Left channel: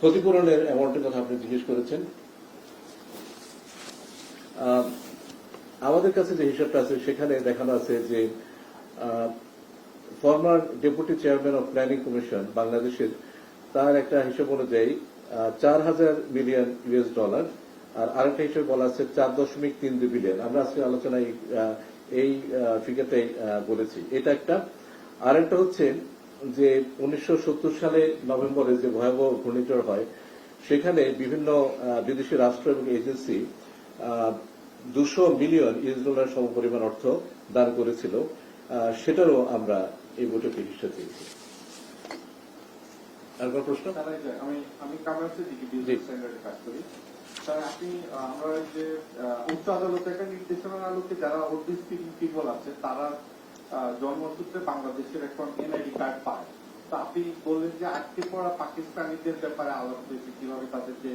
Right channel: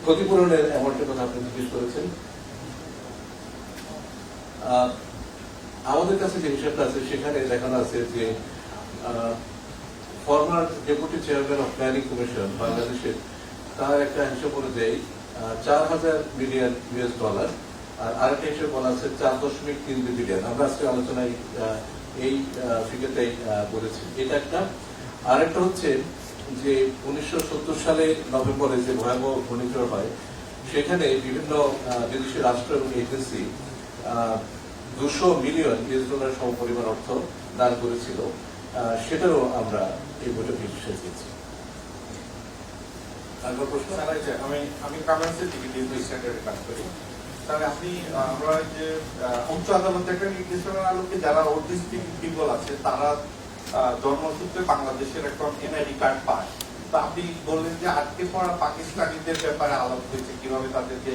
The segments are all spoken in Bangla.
ক্ষতিপূরণের অ্যাওয়ার্ডের কথা আপনি জিজ্ঞেস করেছেন। আমাদের কাছে যে হিসাবটা আছে সেখানে দেখানো আছে যে former deputy chairman of planning commission বাংলাদেশের তার একটা হিসাব অনুযায়ী 4,000 মিলিয়ন US ডলার, আর আরেকটা হিসাব বলা আছে 4.3 বিলিয়ন। আমরা আজকে আলোচনায় এই ফিগারটাই বলেছি। এটা একটা। আরেকটা হচ্ছে যে 1970 সালে নভেম্বরে যে ভয়াবহ ঘূর্ণিঝড় হয় সেখানে বিভিন্ন বিদেশি রাষ্ট্র এবং এজেন্সি 200 মিলিয়ন US ডলার সমপরিমাণ অর্থ দান করেছিল। সেটারও আমরা এই বইটা হিসেবে দিয়েছি। আমি কমার্সের ডিগ্রি সেন্টারে কাজ করি। স্যার আপনি আমরা যে উচ্চ আদালত একটা নির্দেশনার আলোকে যারা অটিস্টিক পিপল আছে তারা জন্মসূত্রে বাংলাদেশের এখন এনআইডি কার্ড পায়। তো আপনি বললেন যে আটকে পড়া পাকিস্তানিদের ব্যাপারে আলাপ হয়েছে কিভাবে তাদেরকে।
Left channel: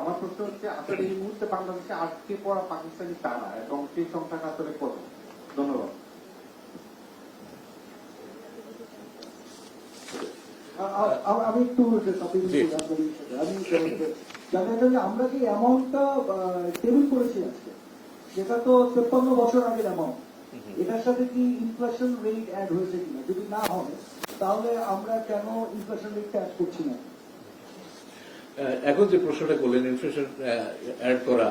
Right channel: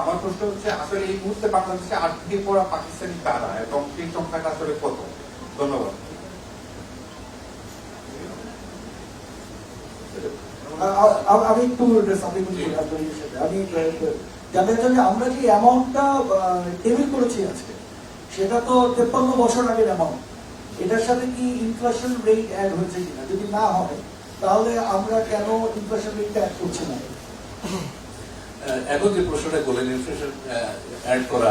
আমার প্রশ্ন হচ্ছে আসলে এই মুহূর্তে বাংলাদেশে আটকে পড়া পাকিস্তানি কারা এবং সেই সংখ্যাটা আসলে কত? ধন্যবাদ। আমি একটু আমি জানেন যে আমরা যে অ্যামাউন্টটা টেবিল করেছি আজকে সেটা তো 53 বছর আগের অ্যামাউন্ট। এটার সাথে কি ইনফ্লেশন রেট অ্যাড হয়েছে কিনা, যদি না হয় তাহলে আমরা কেন ইনফ্লেশন রেটটা অ্যাড করছি না? এখন যে প্রশ্নটা বলেন ইনফ্লেশন অ্যাড করা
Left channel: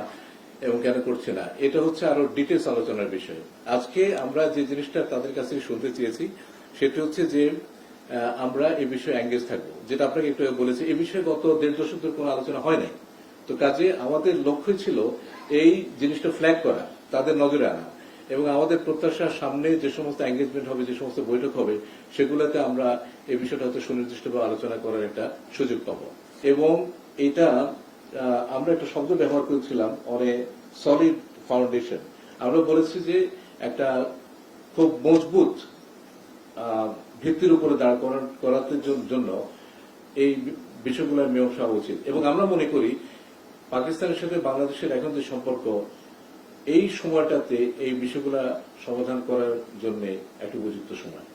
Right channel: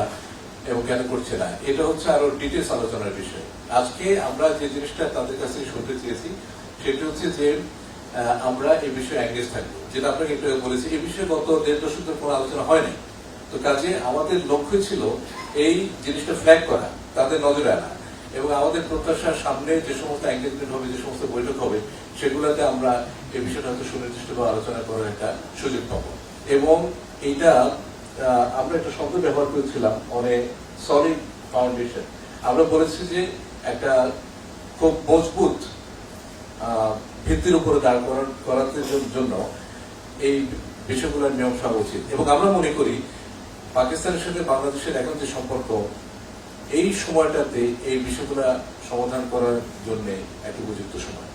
এবং কেন করছে না, এটা হচ্ছে আরো ডিটেলস আলোচনার বিষয়। আজকে আমরা যে জিনিসটা তাদের কাছে শুনতে চেয়েছি সেটা হচ্ছে যে আমরা এই বিষয়ে এঙ্গেজ থাকবো, যেটা আপনাকে একটু বলেছি। এই বিষয়ে গত 1.5 দশক ধরে কোনো আলোচনা হয়নি। তো কাজে আমাদের লক্ষ্য ছিল এই জিনিসটা ফ্ল্যাগ করা, তাদের নজরে আনা, এবং আমাদের প্রত্যাশার সামনে যে সমস্ত এঙ্গেজমেন্ট হবে, যে সমস্ত বৈঠক হবে, সেগুলোতে আমরা এই বিষয়টা সুনির্দিষ্টভাবে আলোচনা করার একটা সুযোগ পাবো। এবং এইটা আমরা একটা শব্দ ব্যবহার করেছিলাম, অনেক সলিড ফাউন্ডেশন। আমরা বলেছি যে একটা খুব মজবুত ভিত্তির উপরে দাঁড় করাতে জন্য এই বিষয়গুলোর মীমাংসা হওয়া উচিত। এবং আমরা মনে করি পাকিস্তানের সাথে বাংলাদেশের এখন যে সম্পর্ক, এই সময়টাতে এই বিষয়গুলো সমাধান করার জন্য একটা উপযুক্ত সময়।